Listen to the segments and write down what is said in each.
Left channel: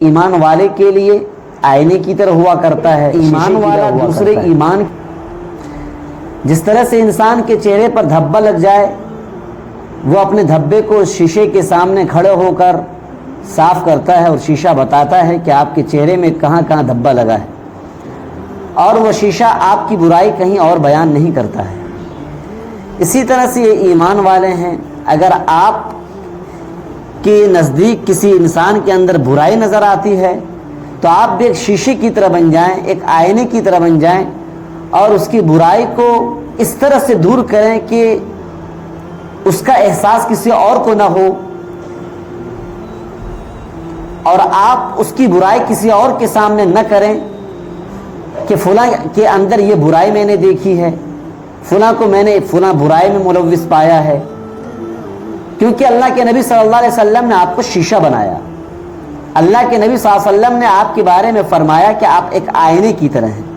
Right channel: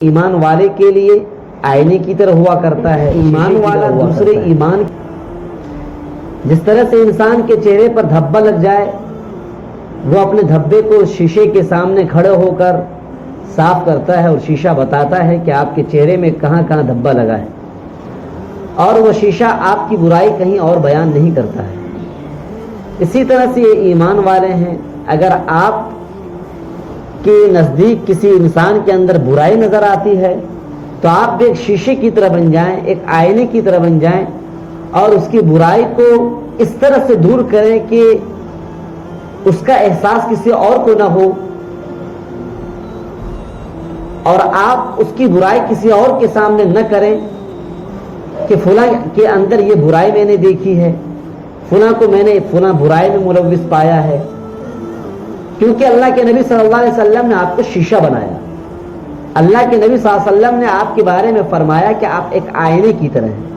ایمان والے کے لیے آئینے کی طرح ہوا کرتا ہے. ایمان والا دوسرے ایمان، جس طرح سے انسان کے چہرے پر دھبا لگ جائے وہ اپنے دھبے کو شیشے کے سامنے کھڑے ہو کر صاف کرتا ہے اور شیشہ بتاتا ہے کہ آپ کے چہرے میں کہاں کہاں دھبا لگا ہے، اور وہ شیشہ آپ کی برائی کہیں اور بیان نہیں کرتا ہے. اسی طرح سے یہ ایمان والے ہیں. اگر آپ کے نزدیک کسی انسان کے اندر برائی نظر آتی ہے تو آپ بھی ایک شیشے کی طرح بن جائیں، ایک آئینے کی طرح بن جائیں اور اس کی برائی کو اس طرح سے دور کریں کہ اس کا احساس کسی اور کو نہ ہو، اور آپ اس کی برائی کسی اور کے سامنے نہ کریں کہ فلاں کے اندر یہ برائی میں نے دیکھی ہے، فلاں کو میں نے فلاں برائی میں ملوث پایا ہے. کیونکہ اللہ کے نبی صلی اللہ علیہ وسلم نے آپ کو شیشہ بنایا. اللہ کے نبی صلی اللہ علیہ وسلم نے آپ کے بارے میں فرمایا کہ آپ ایک آئینے کی طرح ہیں.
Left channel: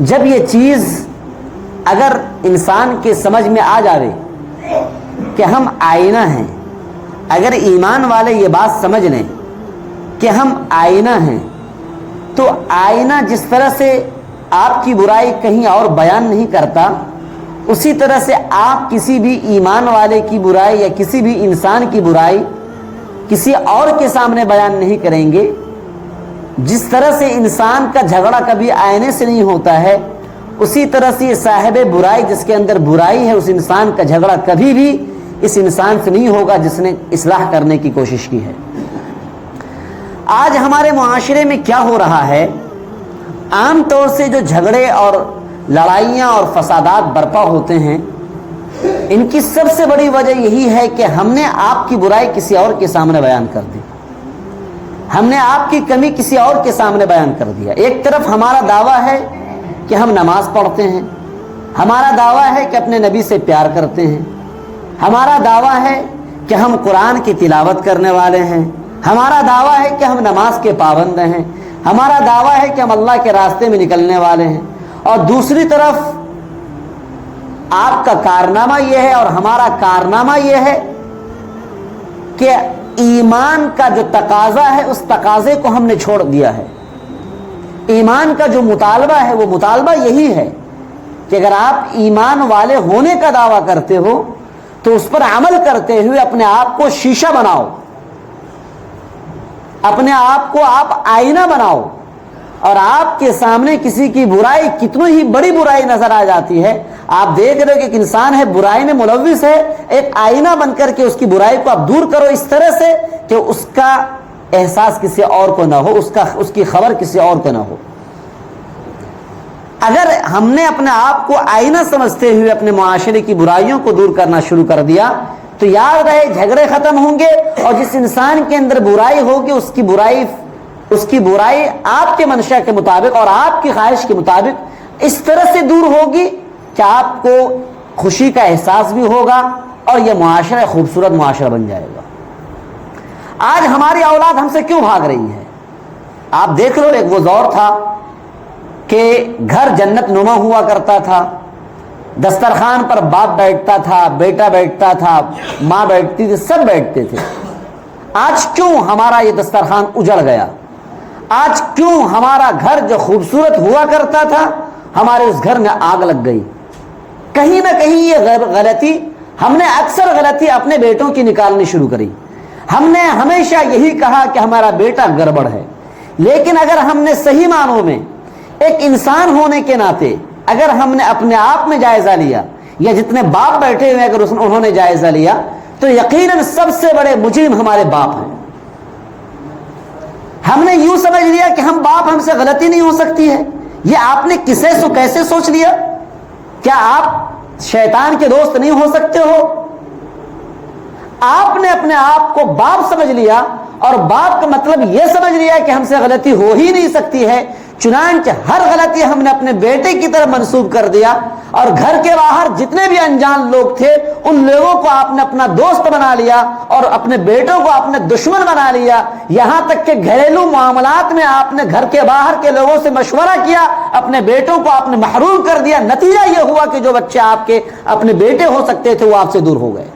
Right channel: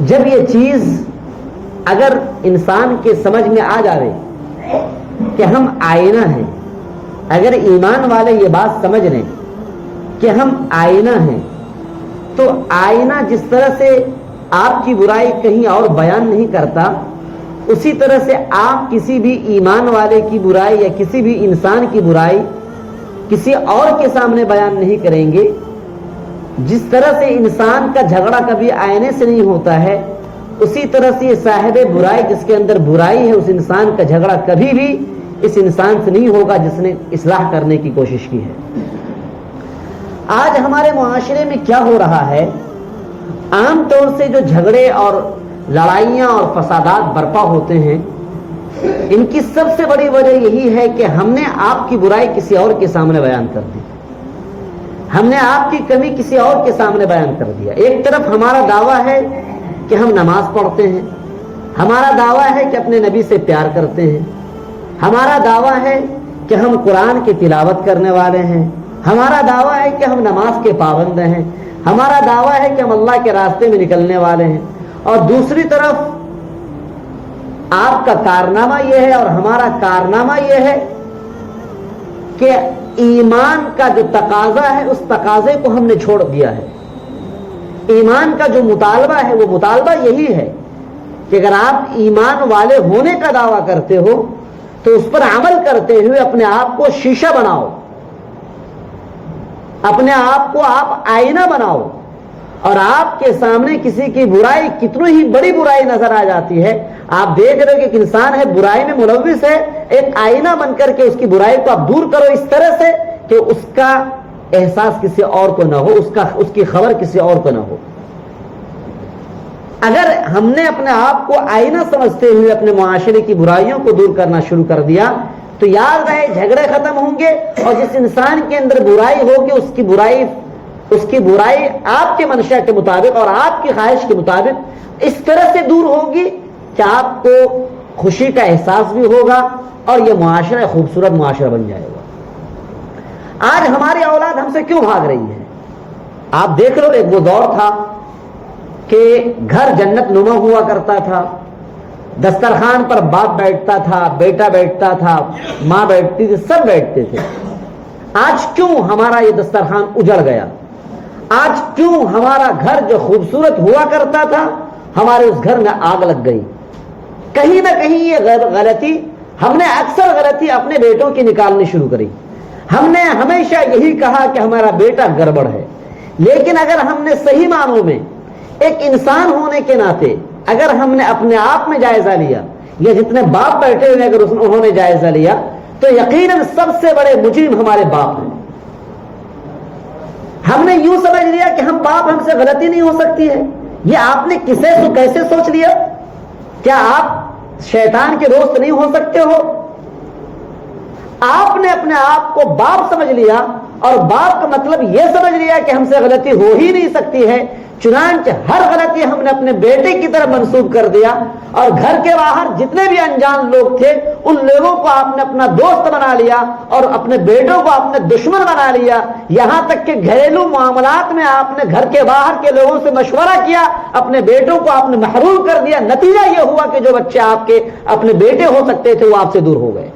جب یہ چیز اگر انسان کے سمجھ میں آ جائے کہ ہم آئینہ ہیں، اگر ایمان والے یہ بات سمجھ لیں کہ ہم آئینہ ہیں، تو آئینہ جس طرح سے آپ کی برائی کہیں اور بیان نہیں کرتا، اسی طرح سے آپ کسی بھی ایمان والے کی برائی یا کسی بھی انسان کی برائی کسی اور کے سامنے بیان نہیں کریں گے. جس طرح سے انسان کا جھگڑا کبھی آئینے سے نہیں ہوتا ہے، اسی طرح سے یہ صاحب برائی جس کے اندر برائی ہے، اس انسان کا جھگڑا کبھی بھی اس انسان سے نہیں ہوگا جس نے اصلاح کرنے کی کوشش کی ہے. آج ہمارے معاشرے میں کیا ہو رہا ہے، عام طور سے جو جھگڑے اور لڑائیاں اور فسادات برپا ہوتے ہیں، ان کی سب سے بڑی وجہ یہی ہے کہ ہم نے آپ کی برائی کسی اور کے سامنے بیان کر دی، ہم نے آپ کی کمی کسی اور کے سامنے بیان کر دیا. ایک طرف ہمارا دعویٰ ہے کہ ہم نماز پڑھتے ہیں، ہمارا دعویٰ ہے کہ اپنے نبی سے پیار کرتے ہیں، ہمارا دعویٰ ہے کہ ہم قرآن کی تلاوت کرنے والے ہیں، ہمارا دعویٰ ہے کہ ہم نماز کے پابند ہیں، ہمارا دعویٰ ہے کہ ہم اللہ کے راستے میں نکلنے والے ہیں. اور دوسری طرف آپ کا کارنامہ یہ ہے اور ہمارا کارنامہ یہ ہے کہ ایمان کا جو تقاضا ہے اس تقاضے کو ہم نے چھوڑ دیا ہے. ایمان کا جو مطالبہ ہے وہ مطالبہ یہی ہے کہ اگر آپ ایمان والے ہونے کا دعویٰ کرتے ہو تو اس پر عمل کرتے ہوئے اپنے آپ کو شیشہ بناؤ، اپنے آپ کو آپ آئینہ بناؤ، اور آپ کے سامنے کسی کی برائی کتنی ہی بڑی برائی نظر آ جاتی ہے، آپ دیکھ رہے ہو کہ ایک انسان ہے برائی میں ملوث ہے، ایک آئینہ بن کر کے اس کی برائی کو آپ دور کرو اس طرح سے کہ اس کا احساس کسی اور کو نہ ہو، اس کی خبر کسی اور کو نہ ہو. اگر ہم نے اپنے آپ کو آئینہ سمجھتے ہوئے اپنے معاشرے کی برائیوں کو دور کرنا شروع کر دیا تو یاد رہے جھگڑے ختم ہوں گے، اور جس انسان کے اندر برائی ہوگی اس کی برائی آپ کے منشا کے مطابق اور آپ کی خواہش کے مطابق اس طرح سے دور ہوگی کہ آپ کو خوشی کا احساس بھی ہوگا اور یہ معاشرہ خوبصورت معاشرہ بن جائے گا. آج ہماری اولاد ہم سے کیوں بھاگ رہی ہے؟ آپ دیکھ رہے ہو ایک وہ دور تھا کہ گھر جنت نما ہوا کرتا تھا، دسترخوان پر باپ بیٹھتا تھا، بیٹا بیٹھتا تھا، ماں بیٹھتی تھی، سب بیٹھتے تھے. آج کیوں ہمارا یہ دسترخوان اجڑ گیا؟ آج کیوں ہمارا گھر جو خوبصورت ہوا کرتا تھا ہمارے اس گھر میں آگ لگ گئی؟ کہیں نہ کہیں یہ غلطی، ہم نے اکثر غلطی اپنے بیٹوں کی نکالنی شروع کری. ہم نے ہمیشہ یہی کہا کہ ہمارا بیٹا گڑبڑ ہے، لیکن اگر ہم نے صحیح معنوں میں ایک انسان ہونے کے ناطے اگر ہم نے اپنے آپ میں جائزہ لیا، یا جتنے باپ بیٹھے ہوئے اگر انہوں نے جائزہ لیا، تو یقیناً سب سے بڑے مجرم ہمارے باپ ہیں. ہم نے یوں سمجھ لیا کہ ہم باپ، ہم سے غلطی نہیں ہو سکتی ہے. یہ آپ نے کیسے سوچ لیا؟ کیا آپ شیطان کے دوست نہیں ہو سکتے ہو؟ آپ نے اپنے آپ کو باپ سمجھ لیا اور باپ کا مطلب یہ سمجھ لیا کہ ہم سے غلطی ہو ہی نہیں سکتی ہے. چنانچہ ہر غلطی ہم نے اپنے بیٹے کی طرف منسوب کر دیا، اور گھر کے باہر جتنے بھی انجان لوگ تھے ان لوگوں کو آپ نے اپنا دوست بنا لیا اور اپنے بیٹوں کو اپنے دشمن بنا لیا. یہاں تک کہ گھریلو معاملات میں آپ نے گھر کے باہر کے لوگوں سے مشورہ کیا، اپنے بیٹوں کو آپ نے محروم کر دیا. نتیجہ یہ ہوا کہ جو بچے آپ کے اپنے بیٹے ہو سکتے تھے وہ آپ سے دور ہو گئے.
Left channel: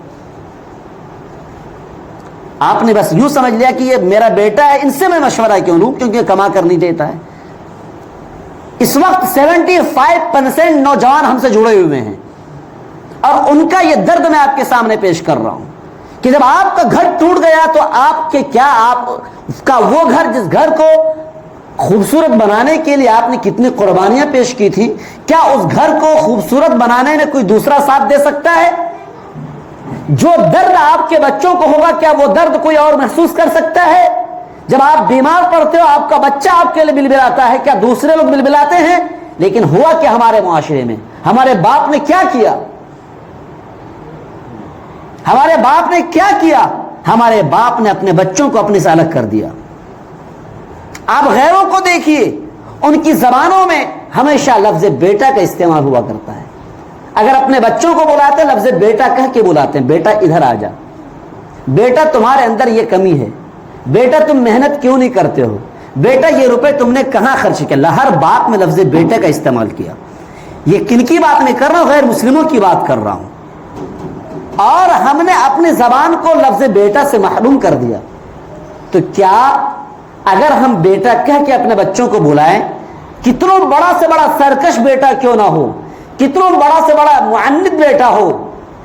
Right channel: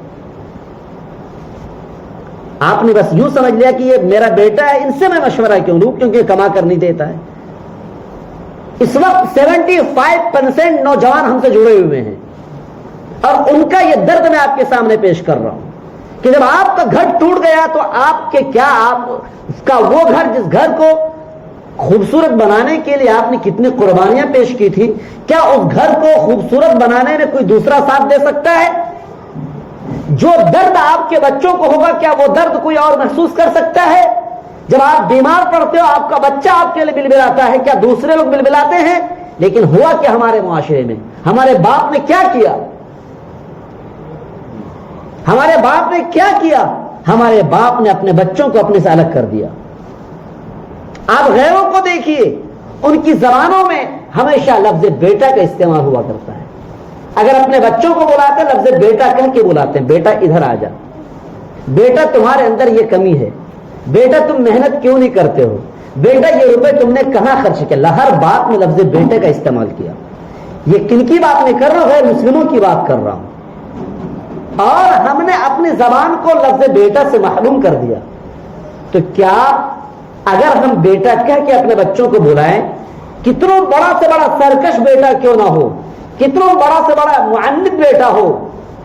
آپ نے بس یوں سمجھ لیا کہ یہ میرا بیٹا ہے، ان سے میں مشورہ کیوں لوں کیونکہ کما کر نہیں دیتا ہے۔ اس وقت 75% نوجوان ہم سے جڑے ہوئے ہیں، اور ان کا یہ درد میں آپ کے سامنے پیش کر رہا ہوں کہ جب آپ کا گھر ٹوٹ گیا تو آپ کے کیا، آپ کا وہ گھر جس گھر کو خوبصورت بنانے کے لیے آپ نے کتنی قربانیاں پیش کی تھی، کیا اس گھر کو خوبصورت بنانے میں کوئی دوسرا ساتھ دے سکتا ہے؟ جو درد آپ کے بچوں کو ہوگا کیا وہ درد کوئی اور محسوس کر سکتا ہے؟ جب آپ بیمار پڑتے ہو آپ کا بچہ آپ کے لیے بلبلاتا ہے، کیا دوسرے لوگ بلبلاتے ہیں؟ لیکن ہوا کیا ہمارے معاشرے میں؟ ہمارے باپ نے کیا کیا؟ ہمارے باپ نے کیا کیا؟ ہمارے باپ نے اپنے بچوں کو اپنے سے الگ کر دیا۔ آپ غیروں کو دیکھیے، ان کی زبانوں میں ہمیشہ لفظ بیٹا کا استعمال ہوا کرتا ہے۔ اگر اپنے بچوں کو بلاتے ہیں لفظ بیٹا کہہ کے بلاتے ہیں، بیٹا ادھر آ جا، بیٹا تمہارے اندر یہ کمی ہے، بیٹا تم محنت کیوں نہیں کرتے ہو، بیٹا یہ روپے تم نے کہاں خرچ کیا۔ ہر بات میں لفظ بیٹا کا استعمال کیا۔ یہ کن کی بات نہیں کر رہا ہوں، غیر مسلموں کی بات کر رہا ہوں۔ اور ہم نے اپنی زبان کو لفظ بیٹا سے محروم کر دیا۔ تو کیا اگر ہم بیٹا کہہ کے اپنے بچوں کو بلائیں، کتنا بڑا سے بڑا سرکش بیٹا کیوں نہ ہو، کتنا بڑا سے بڑا معنت بیٹا ہو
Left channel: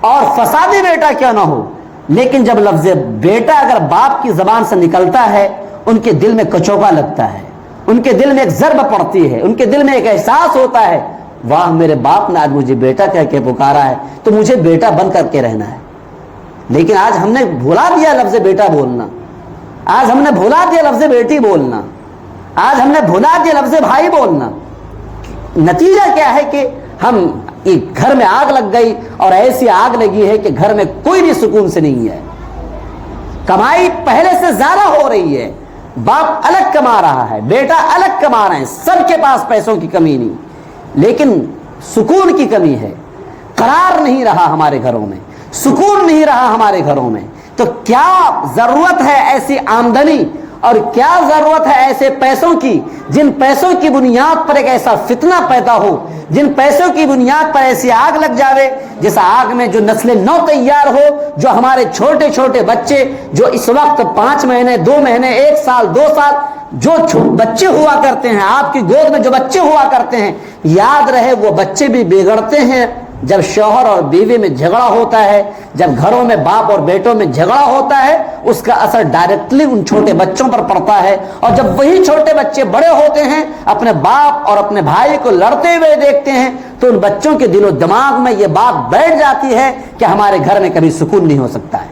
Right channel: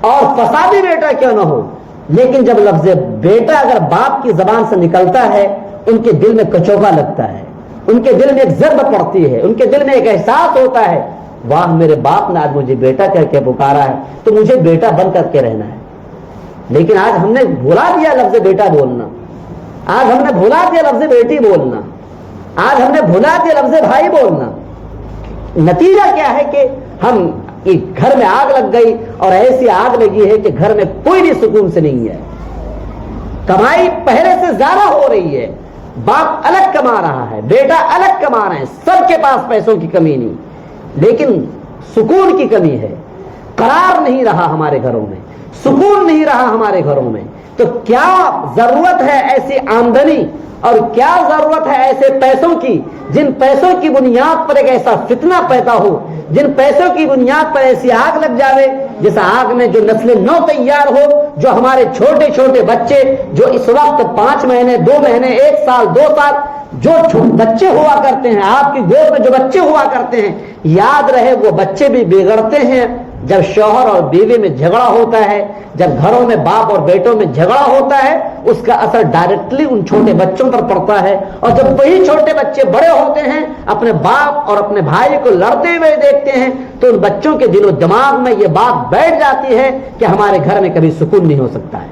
اور فسادی بیٹا کیوں نہ ہو، لیکن جب لفظ بیٹا اگر باپ کی زبان سے نکلتا ہے ان کے دل میں کچوبا لگتا ہے، ان کے دل میں ایک ضرب پڑتی ہے، ان کے دل میں ایک احساس ہوتا ہے، واہ میرے باپ نے آج مجھے بیٹا کہہ کے پکارا ہے تو مجھے بیٹا بن کر کے رہنا ہے۔ لیکن آج ہم نے بھلا دیا لفظ بیٹا بولنا، آج ہم نے بھلا دیا لفظ بیٹی بولنا، آج ہم نے بھلا دیا لفظ بھائی بولنا۔ نتیجہ کیا ہے کہ ہم ایک گھر میں آگ لگ گئی، اور ایسی آگ لگی ہے کہ گھر میں کوئی بھی سکون سے نہیں ہے، کمائی پہلے سے زیادہ ہو رہی ہے، باپ الگ کما رہا ہے، بیٹا الگ کما رہا ہے، سب کے پاس پیسوں کی کمی نہیں، لیکن سکون کی کمی ہے، قرار نہیں رہا ہمارے گھروں میں، سکون نہیں رہا ہمارے گھروں میں۔ تو کیا ضرورت ہے ایسی آمدنی، اور کیا ضرورت ہے ایسے پیسوں کی جن پیسوں کی بنیاد پر ایک ایسا فتنہ پیدا ہو، جن پیسوں کی بنیاد پر ایسی آگ لگ جائے جس آگ میں جو نسل نو تیار ہو، جو ہمارے چھوٹے چھوٹے بچے جو اس وقت 5 مہینے 2 مہینے 1 سال 2 سال جو بچے ہوا کرتے ہیں، آپ کی گود میں جو بچے ہوا کرتے ہیں، یاد رہے وہ بچے بھی بگڑتے ہیں جب شوہر اور بیوی میں جھگڑا ہوتا ہے، جب گھروں میں باپ اور بیٹوں میں جھگڑا ہوتا ہے، اس کا اثر ڈائریکٹلی ان چھوٹے بچوں پر پڑتا ہے۔ اور جب وہی چھوٹے بچے بڑے ہوتے ہیں، اپنے باپ اور اپنے بھائی کو لڑتے ہوئے دیکھتے ہیں، تو ان بچوں کے دل و دماغ میں یہ بات بیٹھ جاتی ہے کہ ہمارے گھر میں کبھی سکون نہیں ہو سکتا ہے۔